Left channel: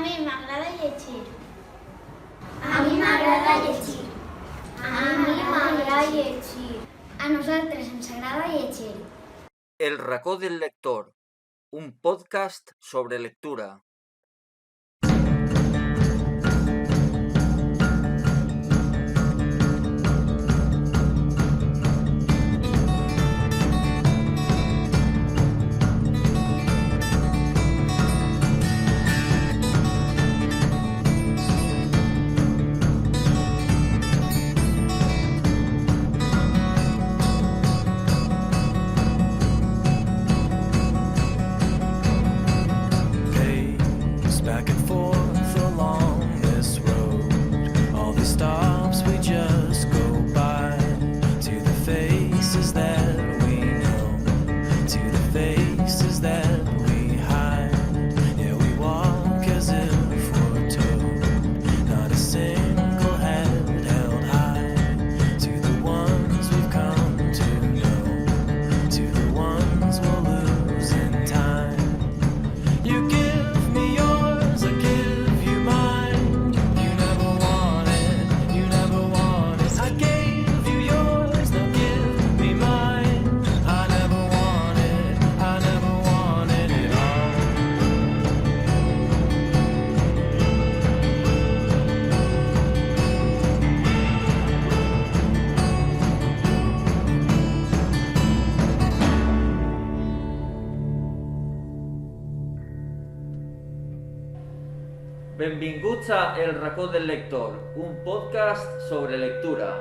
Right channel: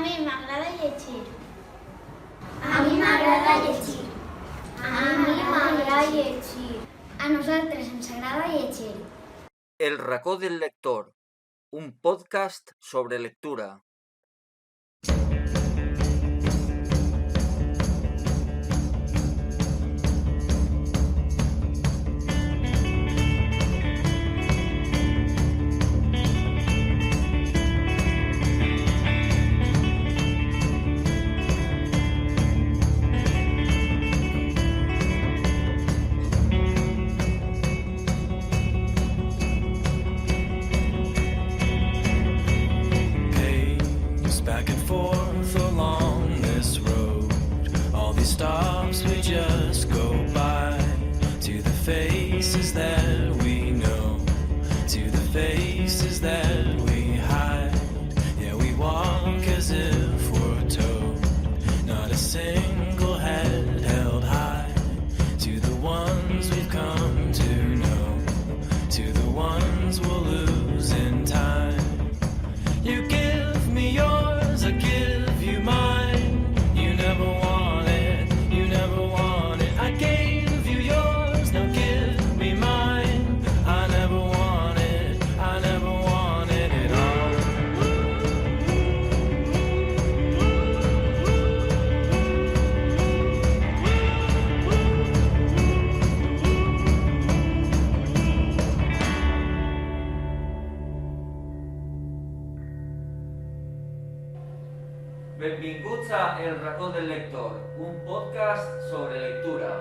mi m'agrada llegir. A mi m'agrada llegir. A mi m'agrada llegir. A nosaltres ens agrada llegir. El racó del lector, un podcast sobre lectura. Back and forth along this road, all these stops we just go by, to the faces that we know, to the faces that we hide. Yeah, we walk as if we're told, not a single head held high, to the ones we've come to know, to the ones we'll lose in time. You give me yours, I give you mine. You never wanted, you never wanted. I gave you yours, now give me mine. I never wanted it all. Benvinguts a El racó del lector, un podcast sobre lectura.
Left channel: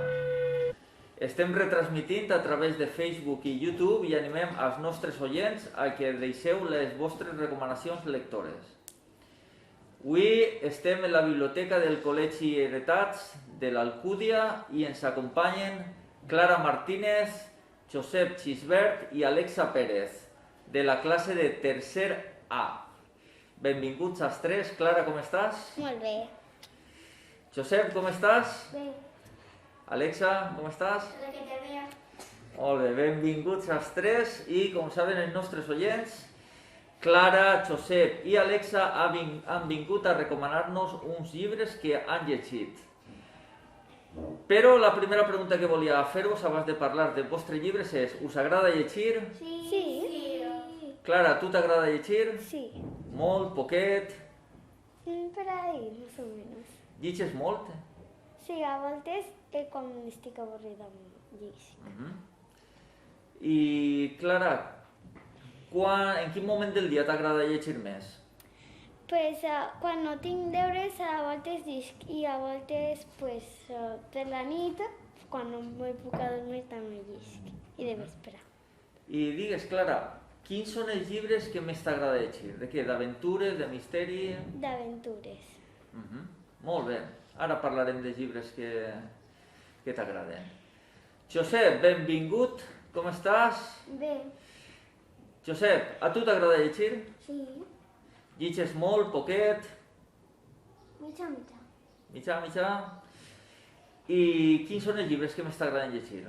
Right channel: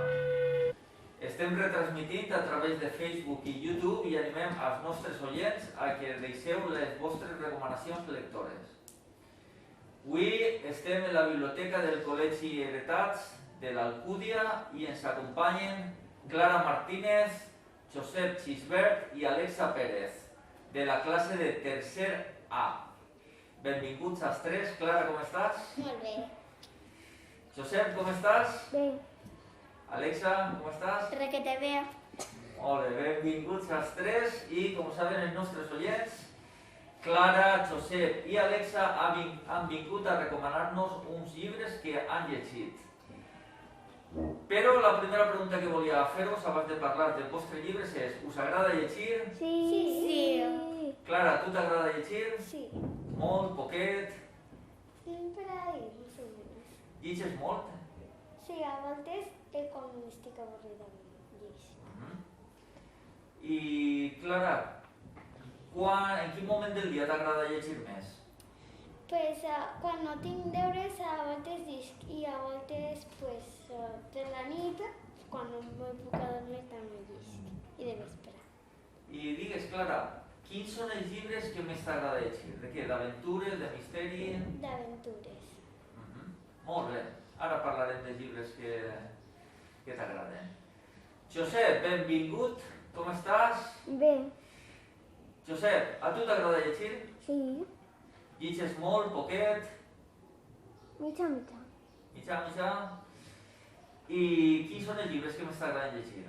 Estem retransmitint a través de Facebook i YouTube i animem als nostres oients a que deixeu les vostres recomanacions lectores. Avui estem en la biblioteca del Col·legi Heretats de l'Alcúdia i ens acompanyen Clara Martínez, Josep Xisbert i Alexa Pérez, de la classe de tercer A. Benvinguts als tres. Clara, com estàs? Molt bé. Josep, com estàs? Bé. Alexa, com estàs? Requete bé. Molt bé, benvinguts als tres i, com saben els nostres oients, Clara, Josep i Alexa han vingut a recomanar-nos uns llibres que han llegit. Però la primera pregunta que volia fer-vos abans de parlar dels vostres llibres és: us agrada llegir? Sí. Clara, tu t'agrada llegir? Sí. Molt, poquet? Per ahí, més o menys. Llitges molt? Sí, a voltes quan estic avorrida llegir. I, Clara, en quin moment del dia t'agrada llegir més? Pues quan no tinc deures a voltes llisc i a voltes per la nit, quan no me puc adormir també llisc i de vespre. I digues, Clara, quins són els llibres que més t'agrada llegir? De què? D'aventures, de misteri? D'aventures. Molt bé, ara parlarem de llibres que t'agraden. Josep, benvingut, com estàs? Bé. Josep, a tu t'agrada llegir? Sí. Llitges molt, poquet? Mitja. Mitjà? I quins són els llibres que més t'agraden llegir?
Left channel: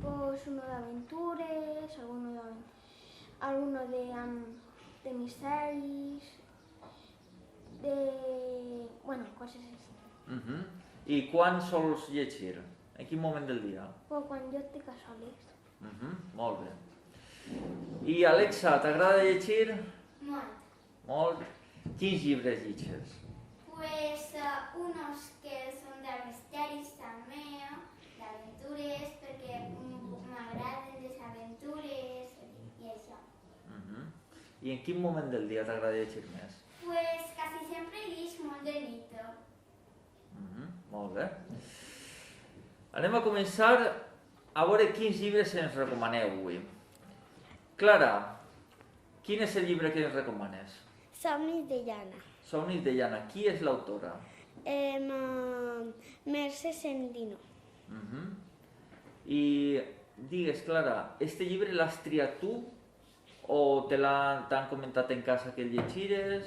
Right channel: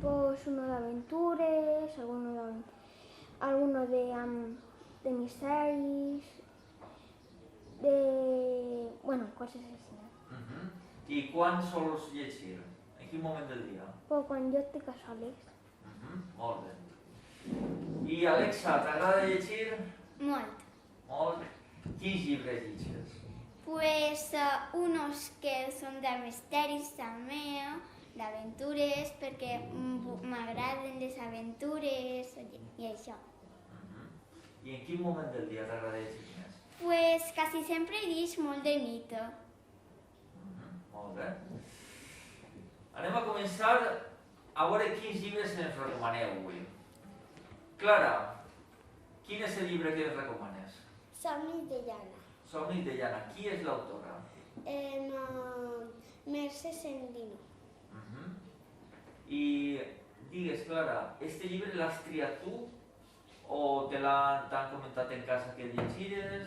Pues uno de aventuras, alguno de misteris, cosas así. I quan sols llegir? En quin moment del dia? Pues quan jo estic a soles. Molt bé. I Alexa, t'agrada llegir? Molt. Molt. Quins llibres llegeixes? Pues unos que son de misteris també, d'aventures, perquè m'agraden les aventures i això. I en quin moment del dia t'agrada llegir més? Pues quasi sempre llig molt de nit. Molt bé. Anem a començar a veure quins llibres ens recomaneu avui. Clara, quin és el llibre que ens recomanes? Somnis de llana. Somnis de llana. Qui és l'autora? Mercè Sendino. I digues, Clara, este llibre l'has triat tu o t'han comentat en casa que el llegires?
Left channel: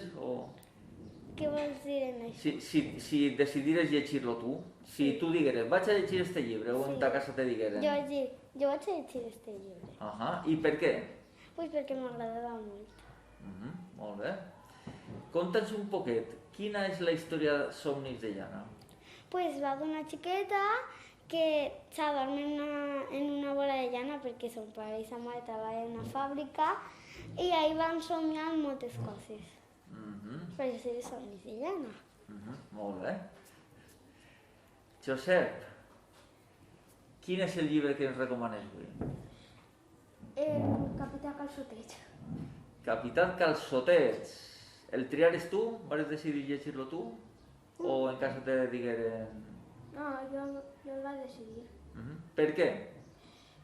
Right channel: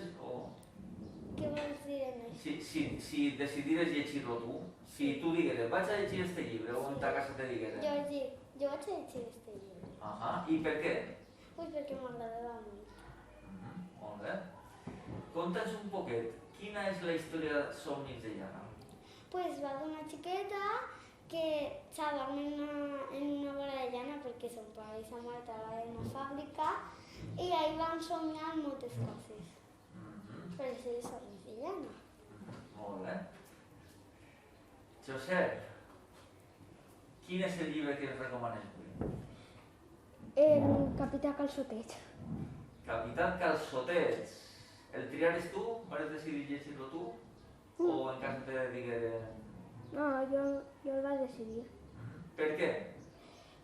Què vols dir en això? Si decidires llegir-lo tu, si tu digueres, vaig a llegir este llibre, o en ta casa te digueren. Jo vaig a llegir este llibre. I per què? Pues perquè m'agradava molt. Molt bé. Conta'ns un poquet, quina és la història de Somnis de llana? Pues va d'una xiqueta que s'adorm en una bola de llana perquè son pare i sa mare treballen en una fàbrica i ahí van somiar moltes coses. Per això és Somnis de llana. Molt bé. Josep, quin és el llibre que ens recomanes avui? El Capità Calçotet. Capità Calçotets. El triares tu? Vas decidir llegir-lo tu? O en cas te digueren... No, jo el vaig decidir. Per què?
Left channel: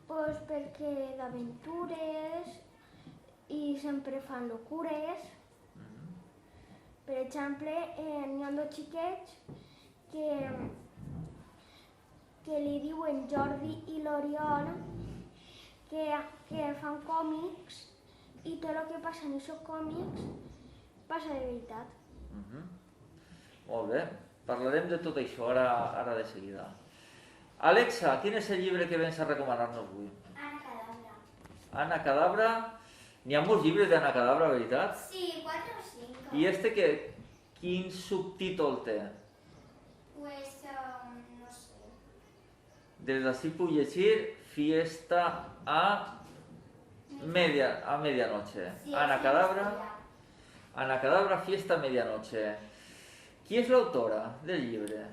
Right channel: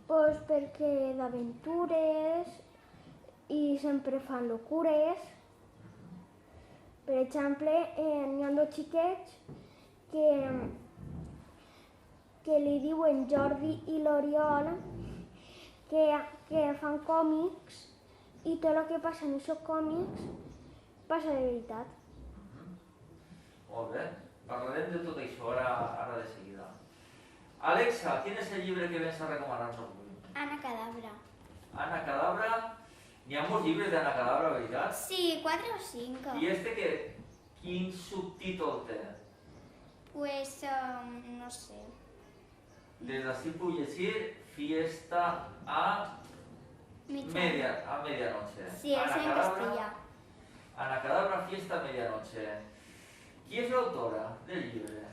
Pues perquè d'aventures i sempre fan locures. Per exemple, n'hi ha dos xiquets que li diuen Jordi i l'Oriol que fan còmics i tot el que passa en aquests còmics passa de veritat. Molt bé, parlarem de tot això ara de seguida. Alexa, quin és el llibre que vens a recomanar-nos avui? Ana Cadabra. Ana Cadabra. N'hi ha molts llibres d'Ana Cadabra, veritat? Sí, 4 o 5. I quin subtítol té? Pues, no sé. Des d'ací puc llegir Fiesta a medianoche. Sí, Ana sí, Cadabra. castellà. Ana Cadabra, Fiesta a medianoche. Qui és l'autora del llibre?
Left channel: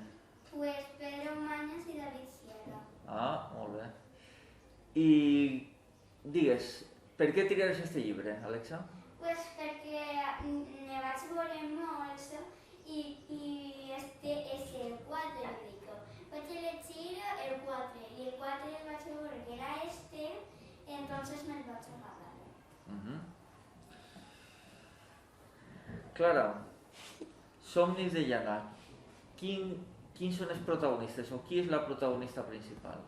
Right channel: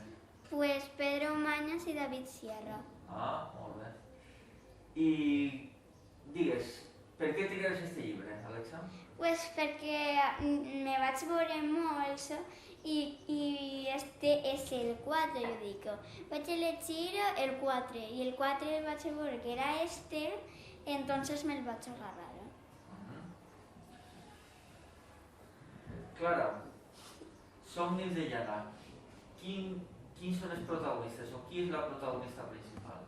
Pues Pedro Mañas i David Sierra. Ah, molt bé. I digues, per què triares este llibre, Alexa? Pues perquè me vaig veure molts i este és el 4, jo dic. Vaig llegir el 4 i el 4 el vaig veure que era este, entonces me'l vaig agradar. Clara, Somnis de llana. Quins són els protagonistes o qui és la protagonista principal?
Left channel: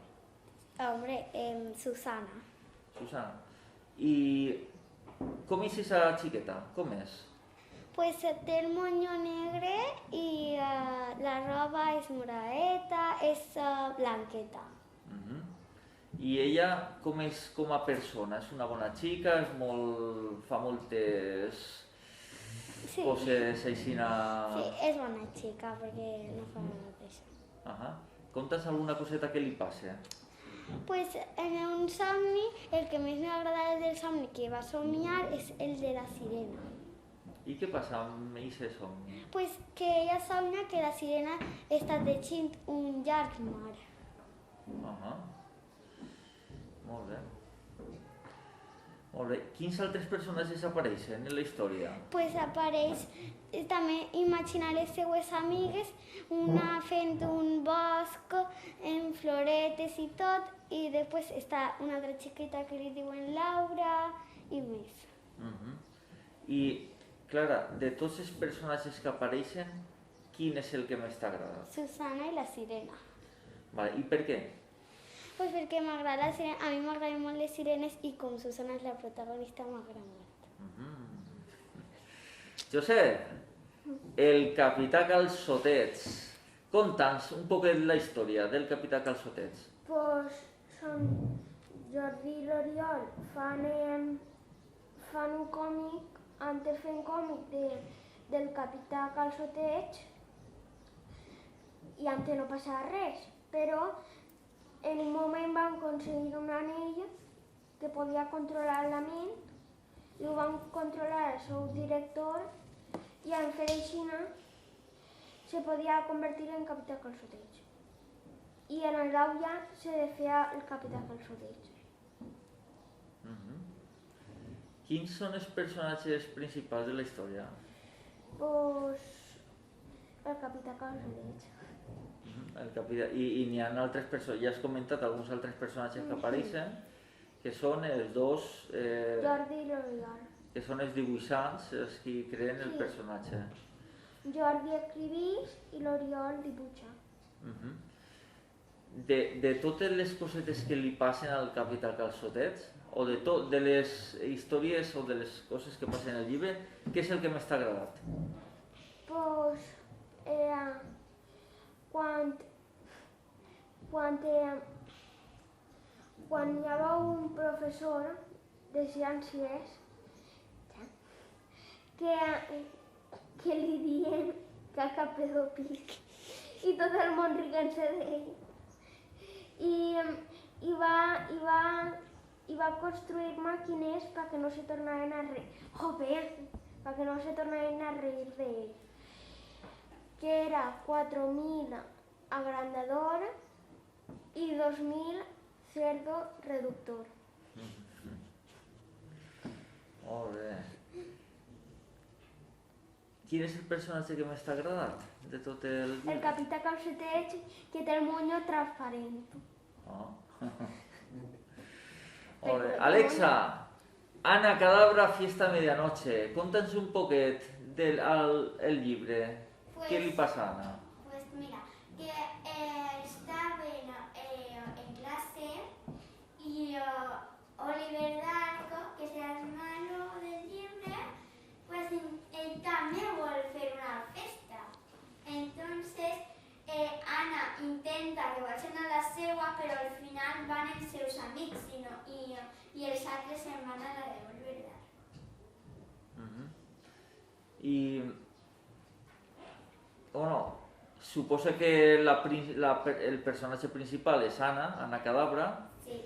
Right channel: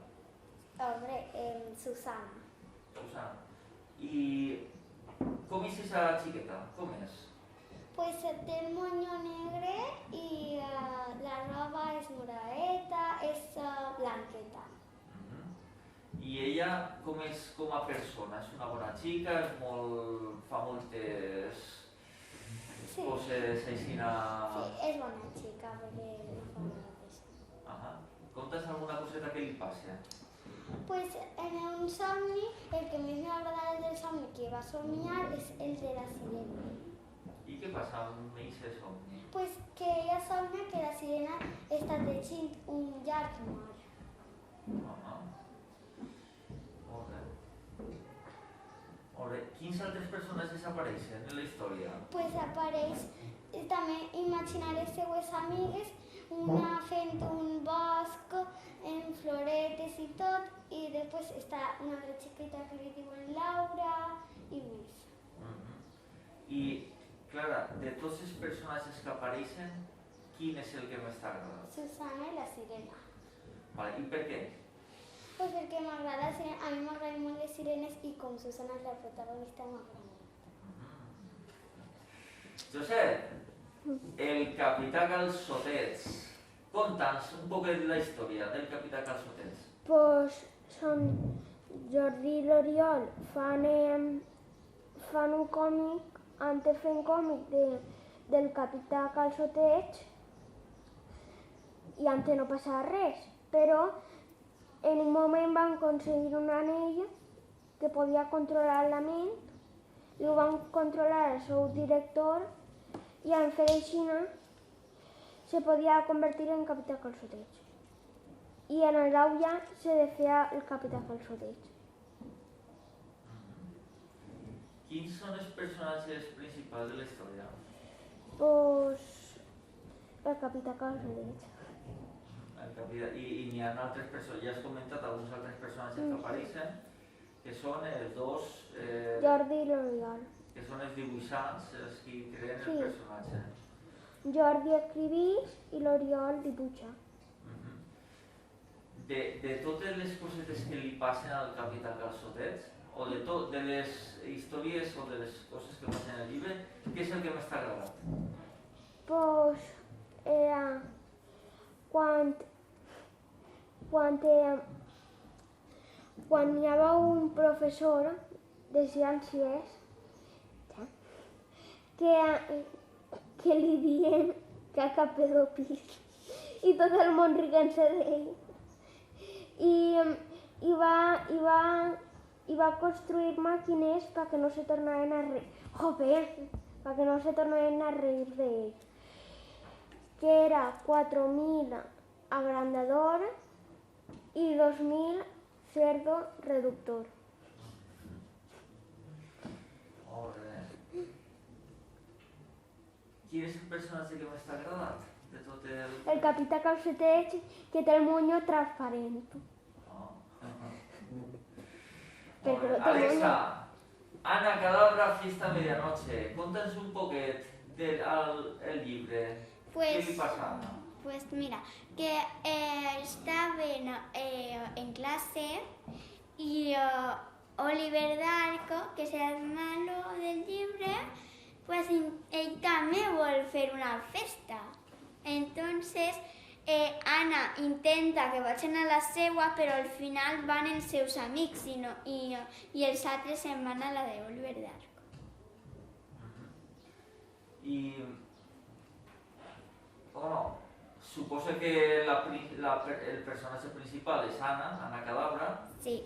Hombre, Susana. Susana. I com és esa xiqueta? Com és? Pues té el moño negre i la roba és moradeta, és blanqueta. I ella com és com a persona? És una bona xica? Fa moltes coses aixina... Sí, és bona xica perquè no fa la mateixa. Conta's alguna coseta que li passa? Pues en un somni, el que més m'agrada del somni que va somiar és el de la sirena. I què passa amb aquest somni? Pues que ella somia que la sirena està teixint un llarg mar. Molt bé. Molt bé. Quins altres personatges apareixen en la història? Pues apareix també imaginar les seues amigues, una fent un bosc en floretes i tot, i després està una altra xiqueta que li diuen Laura i més. I, Clara, de tots els personatges que apareixen, quin és el que més t'agrada? Susana i la sirena. Vale. I per què? Pues perquè m'agrada la sirena, a mi m'agraden molt les sirenes i com Susana és la protagonista m'agrada molt. Josep, el Capità Calçotets. Conta'ns un poquet la història del Capità Calçotets. Pues són Jordi i l'Oriol fan un còmic, antes fent còmic del Capità Calçotets i antes no passava res, però en un moment van aconseguir un anell que podia controlar la ment i ho van controlar el seu director i en fer així se podia convertir en Capità Calçotets. I en el Gaulla se decía el Capità Calçotets. Quins són els personatges principals de la història? Pues el Capità Calçotets. I n'hi ha altres personatges, ja has comentat alguns altres personatges que apareixen, que són els dos... Jordi i l'Oriol. Que són els dibuixants, els que creen el personatge. Jordi escrivís i l'Oriol dibuixa. De totes les cosetes que li passen al Capità Calçotets, o de les històries o de les coses que passen al llibre, què és el que més t'ha agradat? Pues quan hi havia un professor de ciències que que li dient caca pedòfil i tot el món riguent-se d'ell. I va construir màquines perquè no se tornaven a reir. Perquè no se tornaven a reir d'ell. Que era 4.000 agrandador i 2.000 cerdo reductor. Molt bé. Quin és el personatge que més t'ha agradat de tot el... El capità Calceteig, que té el moño transparent. Oh. Molt bé. Alexa, Ana Cadabra, Fiesta a Medianoche. Conta'ns un poquet del el llibre. Què li passa a Ana? Pues mira, que estaven en clase y Oliver Darco, que es el malo del llibre, pues él también vuelve a hacer una festa. Entonces, Ana intenta que vagin a la seua, però al final van els seus amics i els altres se'n van a la de Oliver Darco. I... Bueno, suposa que el personatge principal és Ana Cadabra. Sí.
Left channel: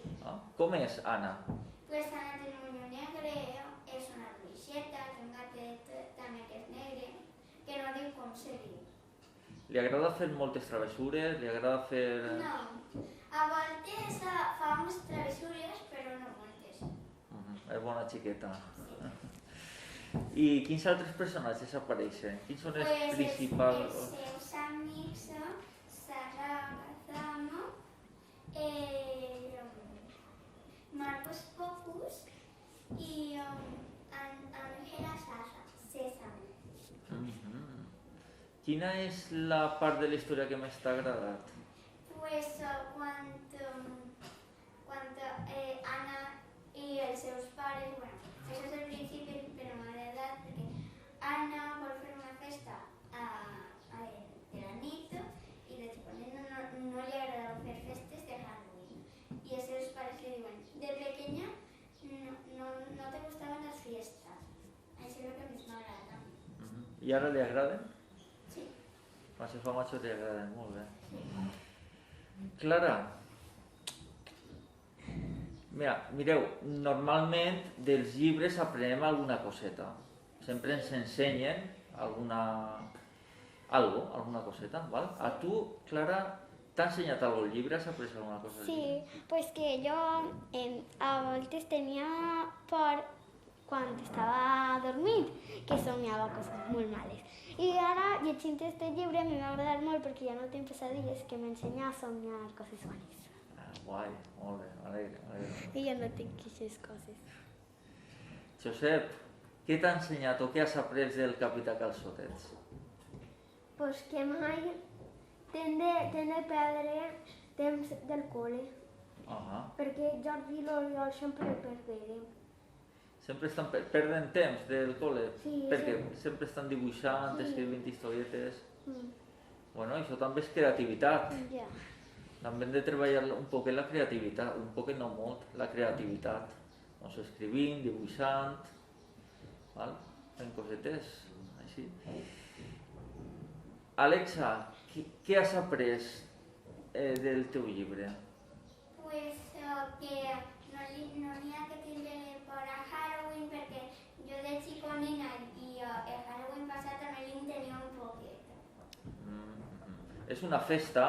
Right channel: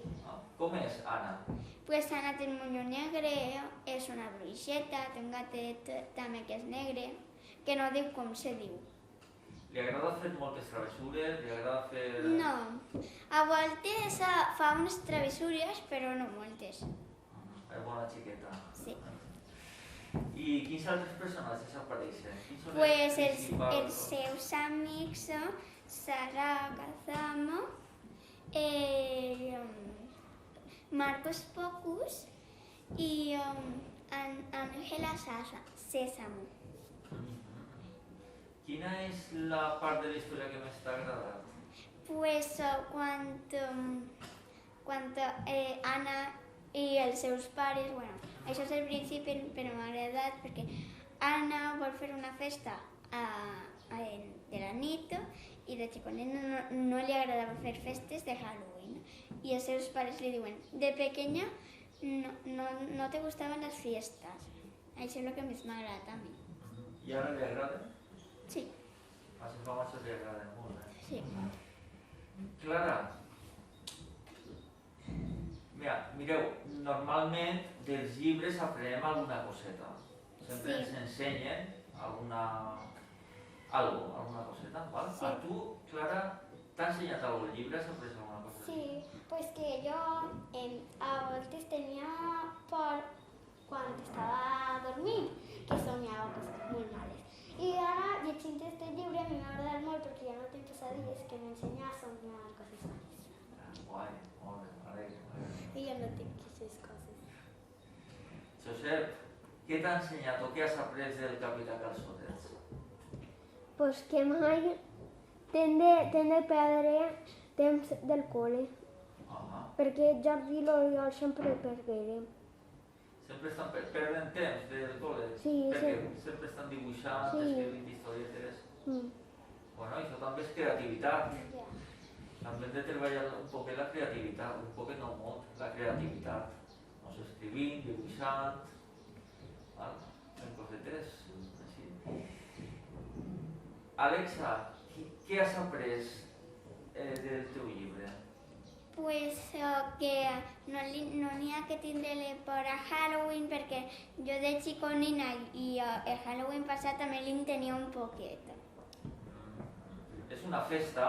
Com és Ana? Pues Ana té el moño negre, és una bruixeta, té un gatet també que és negre, que no diu com se diu. Li agrada fer moltes travessures? Li agrada fer... No, a voltes fa unes travessures, però no moltes. És bona xiqueta. Sí. I quins altres personatges apareixen? Quins són els Pues principals? els seus amics són Sara Kazamo, Marcos Pocus i Ángela Sésamo. Quina és la part de la història que més t'ha agradat? Pues cuando Ana y els seus pares, bueno, això és el principi, però m'ha agradat perquè Ana vol fer una festa de la nit i de xiconet no li agradava fer festes de Halloween. I els seus pares li diuen, de pequeña no te gustaven les fiestas. Això és el que més m'ha agradat a mi. I ara li agraden? Sí. A les famoses li agraden molt, Sí. Clara, mireu, normalment dels llibres aprenem alguna coseta. Sempre ens ensenyen alguna coseta, val? Sí. A tu, Clara, t'ha ensenyat algun llibre? Has après alguna cosa? Sí, pues que yo a veces tenía por cuando estaba dormint, que soñaba cosas muy males. Y ahora, llegint este llibre, a mi m'ha agradat molt perquè ja no tinc pesadilles que m'ensenya a soñar coses bones. Guai, molt bé, alegre. I ja no tinc aquestes coses. Josep, què t'ha ensenyat o què has après del capità Calçotets? Pues que mai t'hem de perdre temps del col·le, perquè Jordi i l'Oriol sempre pergueren. Sempre estan perdent temps del col·le? Sí, perquè sí. sempre estan dibuixant, Sí. escrivint historietes. Bueno, això també és creativitat. Ja. També hem de treballar un poc la creativitat, un poc no molt, la creativitat. Doncs escrivint, dibuixant, val? Fent cosetes, així. Alexa, què has après del teu llibre? Pues que no n'hi ha que tindre por a Halloween perquè jo de xiconina i el Halloween passat també li'n tenia un poquet. És una festa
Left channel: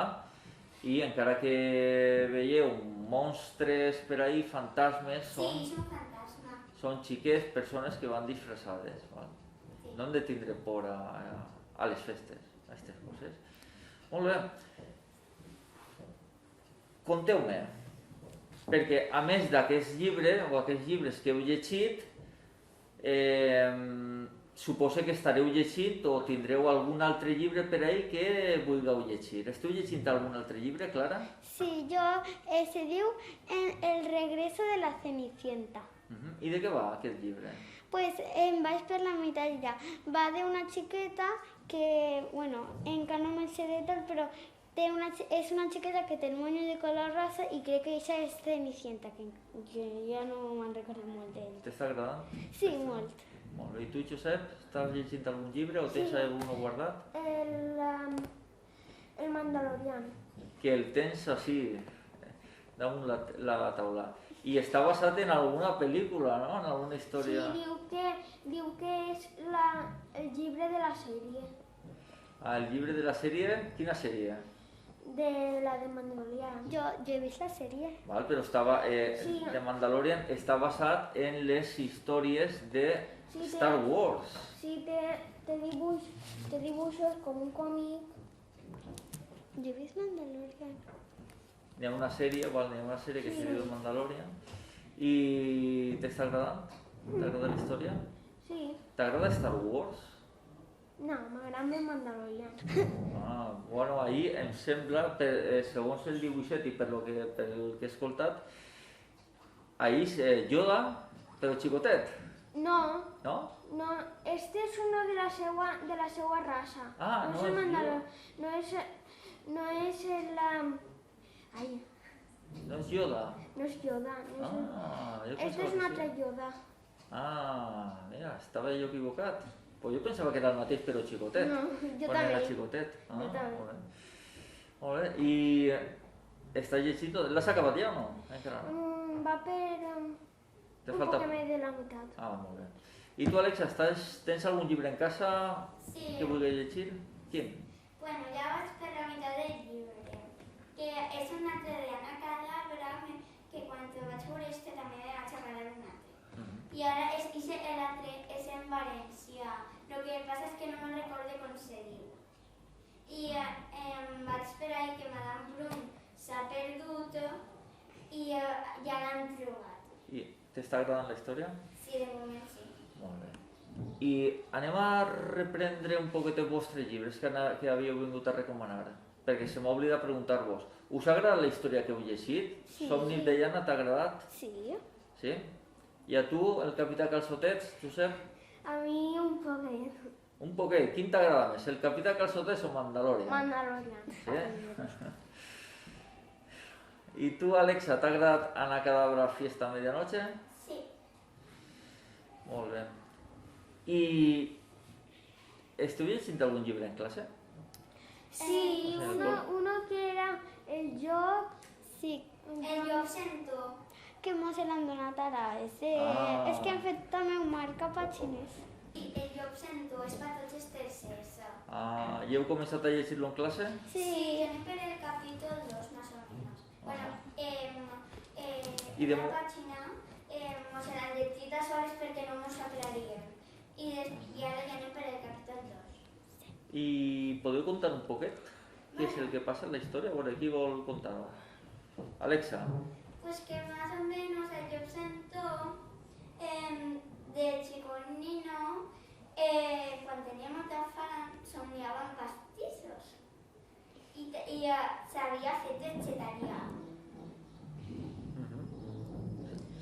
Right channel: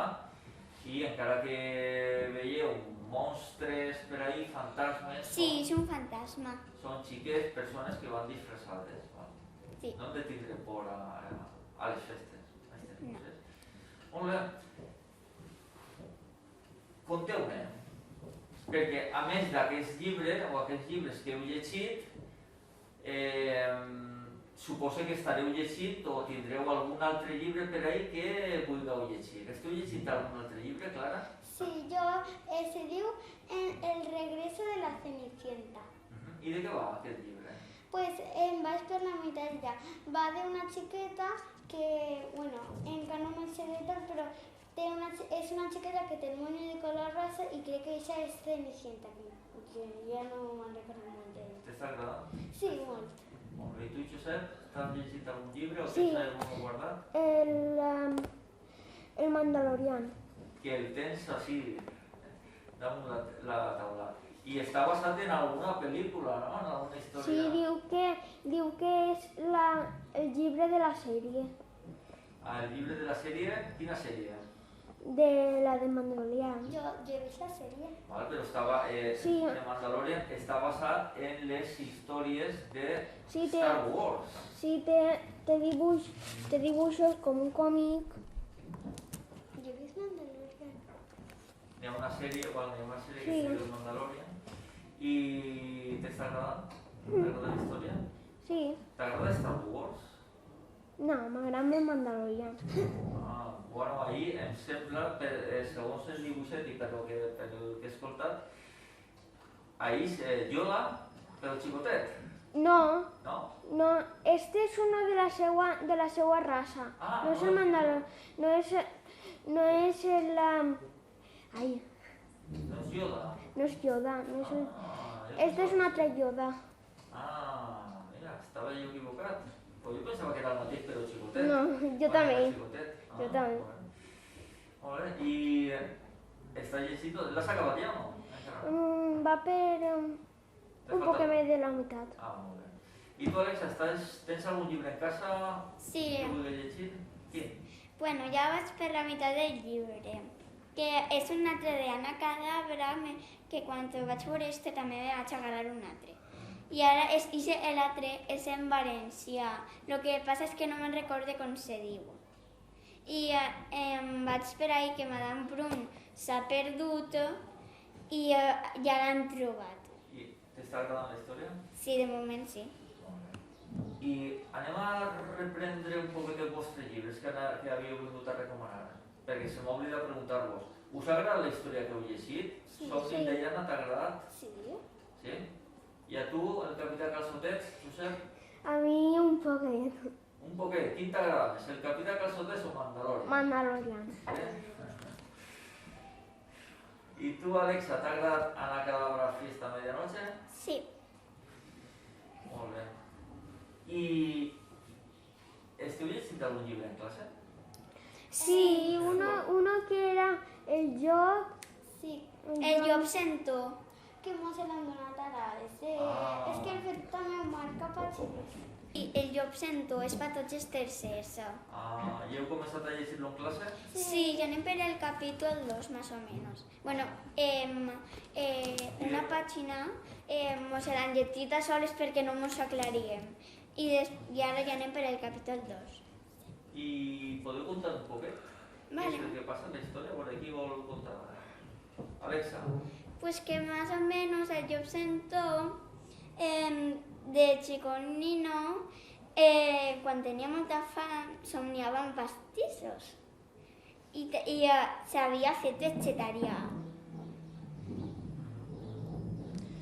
i encara que veieu monstres per ahí, fantasmes, Sí, és un fantasma. són xiques persones que van disfressades. Val? Sí. No hem de tindre por a les festes, a aquestes coses. Molt bé. Conteu-me, perquè a més d'aquests llibres, o aquests llibres que heu llegit, suposo que estareu llegint o tindreu algun altre llibre per ahí que vulgueu llegir. Esteu llegint algun altre llibre, Clara? Sí, se diu El regreso de la Cenicienta. I de què va aquest llibre? Pues vaig per la meitat ja. Va d'una xiqueta que, bueno, encara no me'n sé de tot, però és una xiqueta que té el moño de color rosa i crec que això és Cenicienta, que ja no me'n recordo molt d'ell. T'està agradant? Sí, molt. Molt bé. I tu, Josep, estàs llegint algun llibre o Sí. tens algun guardat? El Mandalorian. Que el tens així, damunt la taula. I està basat en alguna pel·lícula, no? En alguna Sí, història... diu que és el llibre de la sèrie, Ah, el llibre de la sèrie? Quina sèrie? de la de Mandalorian. Jo he vist la sèrie. Val, però estava... Sí. The Mandalorian està basat en les històries de Sí, Star Wars. Sí, té dibuixos com un còmic. Jo he vist Mandalorian. N'hi ha una sèrie, val, n'hi ha una sèrie que Sí. es diu The Mandalorian. I t'està agradant? T'agrada la història? Sí. T'agrada Star Wars? No, m'agrada el Mandalorian. Ah, bueno, ahir em sembla, segons el dibuixet i per el que he escoltat, ahir Yoda, però xicotet, No, no? este es uno de la seua raça. Ah, no no es el és Mandalorian. No es el... Ai, No és Yoda. no és Yoda. No és el... Ah, jo Este és pensava un que altre sí. Yoda. Ah, mira, estava jo equivocat. Pues jo pensava que era el mateix però xicotet. No, jo Quan també. Era xicotet. Jo també. Molt bé. I estàs llegint? L'has acabat ja o no? Encara no. Va per Te un falta- poc més de la meitat. Ah, molt bé. I tu, Alexa, tens algun llibre en casa Sí. que vulguis llegir? Quin? Bueno, ja vaig per la meitat del llibre, que és un altre d'Anna Cadabra, que quan ho vaig veure este també me vaig agradar un altre. I ara l'altre és en valencià, el que passa és que no me'n recorde com se diu. I vaig per ahí que Madame Brun s'ha perdut i ja l'han trobat. I t'està agradant la història? Sí, de moment sí. Molt bé. I anem a reprendre un poquet els vostres llibres que havíeu vingut a recomanar, perquè se m'ha oblidat preguntar-vos. Us ha agradat la història que heu llegit? Sí. Somnis de Llana t'ha agradat? Sí? Sí? I a tu, el capità Calçotets, Josep? A mi un poquet. Un poquet. Quin t'agrada més, el capità Calçotets o Mandalorian? Mandalorian. Sí? I tu, Alexa, t'ha agradat Ana Cadabra Fiesta a Medianoche? Sí. Molt bé. I esteu llegint algun llibre en classe? Sí, uno que era el llop. Sí, el llop sento. Que mos l'han donat ara. És que han fet també un marca pàgines. I el llop sento és per tots els tercers. Ah, i heu començat a llegir-lo en classe? Sí, ja anem per el capítol 2, més o menys. Bueno, una pàgina mos l'han llegit a soles perquè no mos aclarien. I ara ja anem per el capítol 2. I podeu contar un poquet? Què és Vale. el que passa en la història? A veure, qui vol contar? Alexa. Pues que más o menos el llop sento de chiconino, quan tenia molta fam, somniava amb pastissos. I s'havia fet vegetarià.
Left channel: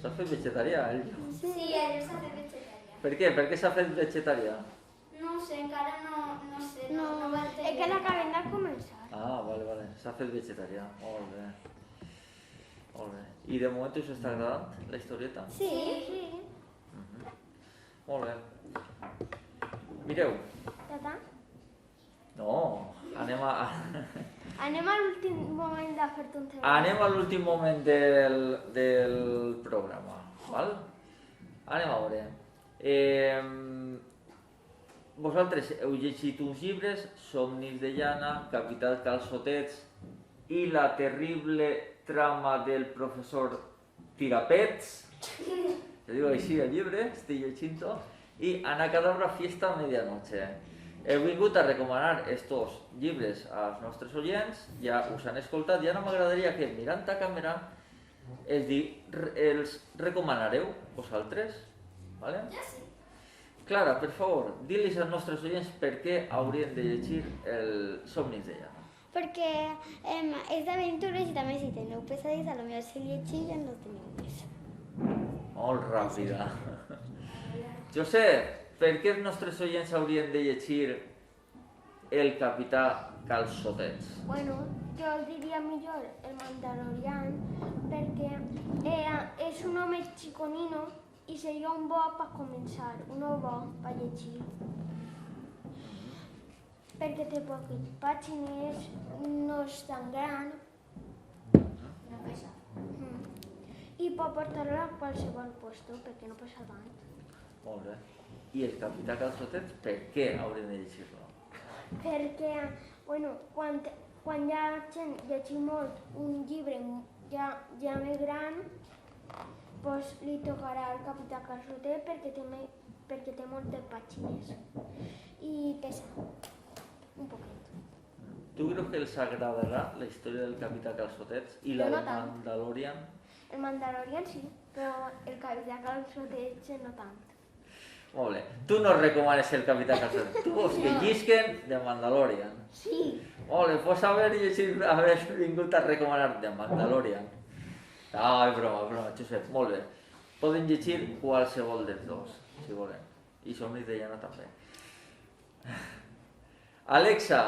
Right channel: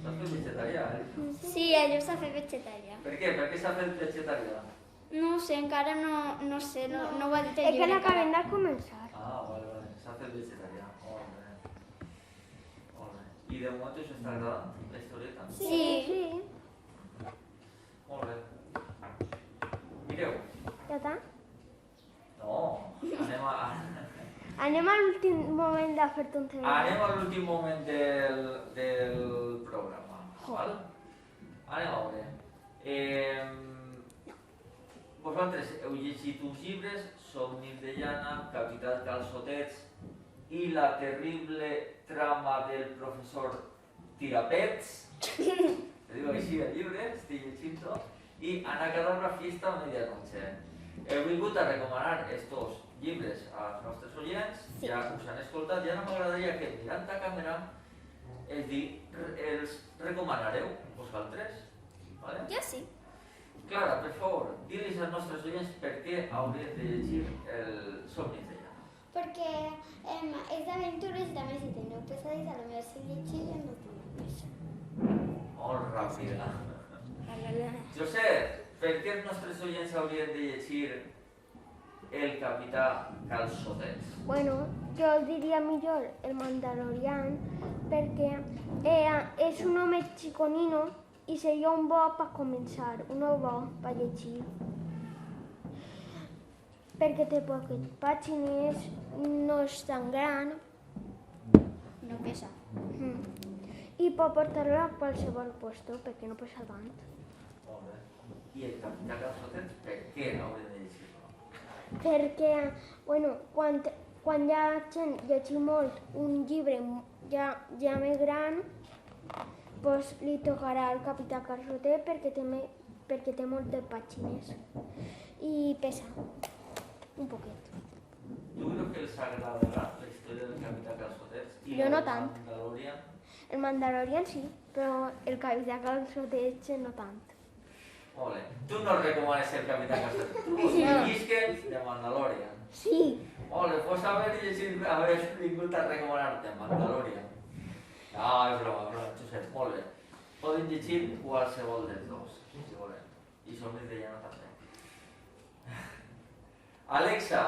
S'ha fet vegetarià, ell? Sí, el llop s'ha fet vegetarià. Per què? Per què s'ha fet vegetarià? No ho sé, encara no sé, no va Es que l'acabem de començar. Ah, vale. S'ha fet vegetarià. Molt bé. Molt bé. I de moment us està agradant la historieta? Sí. Molt bé. Mireu. Ja està? No, Anem a l'últim moment de fer-te un treball. anem a l'últim moment del programa. Val? Anem a veure. Vosaltres heu llegit uns llibres, Somnis de Llana, Capità Calçotets i la terrible trama del professor Tirapets, se diu així el llibre, estic llegint-ho, i Ana Cadabra Fiesta a Medianoche. Heu vingut a recomanar estos llibres als nostres oients, ja us han escoltat, i ara m'agradaria que, mirant a càmera, els recomanareu vosaltres, vale? Jo sí. Clara, per favor, digue-li als nostres oients per què haurien de llegir el Somnis de Llana. Perquè és d'aventures i també si teniu pesadilles a lo millor si llegiren no teniu pes. Molt ràpida. Josep, per què els nostres oients haurien de llegir el capità Calçotets? Bueno, jo diria millor el Mandalorian perquè és un home chiconino i seria un bo per començar, un bo per llegir. Perquè té poques pàgines, no és tan gran No pesa. i pot portar-lo a qualsevol lloc perquè no pesa tant. Molt bé. I el Capità Calçotets, per què haurem de llegir-lo? Perquè, bueno, quan hi ha gent llegir molt un llibre ja més gran, doncs li tocarà al Capità Calçotet perquè té moltes pàgines i pesa un poquet. Tu creus que els agradarà la història del Capità Calçotets i Jo la no del tant. Mandalorian? El Mandalorian sí, però el Capità Calçotet no tant. Molt bé. Tu no recomanes el Capità Calçotets. Tu vols que llisquen de Mandalorian. Sí, Molt bé, pots haver vingut a recomanar de Mandalorian. No, és broma, Josep, molt bé. Poden llegir qualsevol dels dos, si volen. I Somnis de Llana també. Alexa,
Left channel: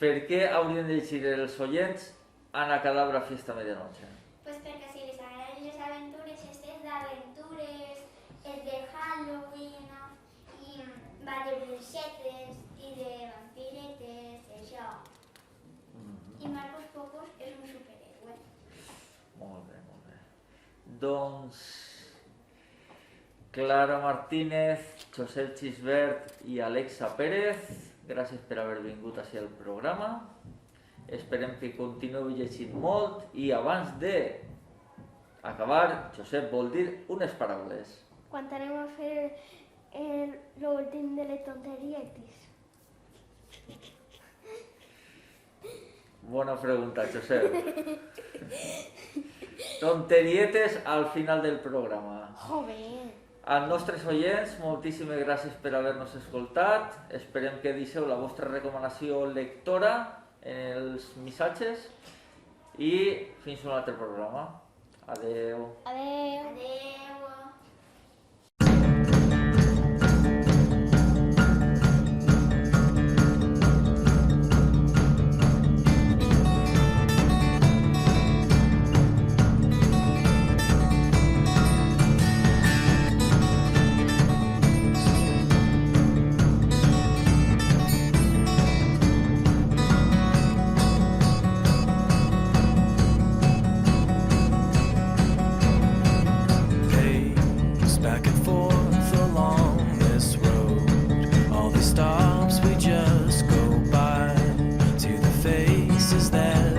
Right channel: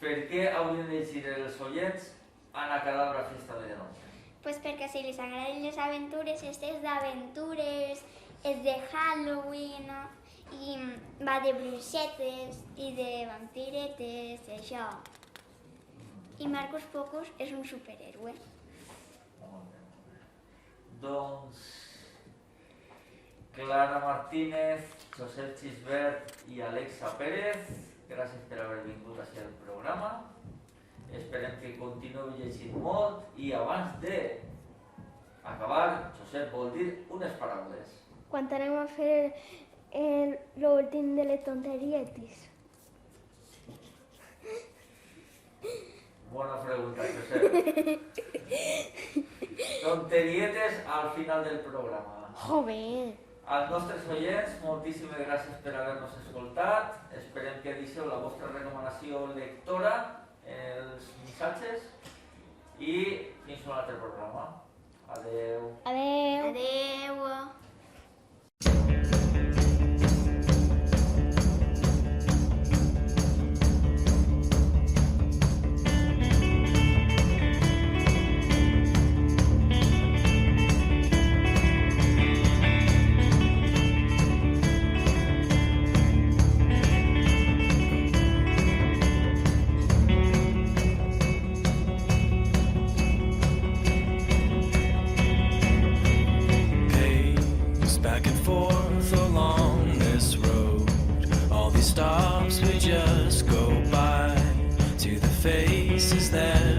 per què haurien de llegir els oients Ana Cadabra Fiesta Medianoche? Pues perquè si les agraden les aventures, és d'aventures, és de Halloween, i va de bruixetes i de vampiretes, això. I Marcos Pocos és un superhéroe. Molt bé, molt bé. Doncs Clara Martínez, Josep Xisbert i Alexa Pérez, gràcies per haver vingut així al programa. Esperem que continueu llegint molt i abans de acabar, Josep vol dir unes paraules. quan anem a fer l'últim de les tonterietes. Bona pregunta, Josep. Tonterietes al final del programa. Joder! Als nostres oients, moltíssimes gràcies per haver-nos escoltat. Esperem que deixeu la vostra recomanació lectora en els missatges i fins a un altre programa. Adeu. Adeu! Adeu! Back and forth along this road. All these stops we just go by. To the faces that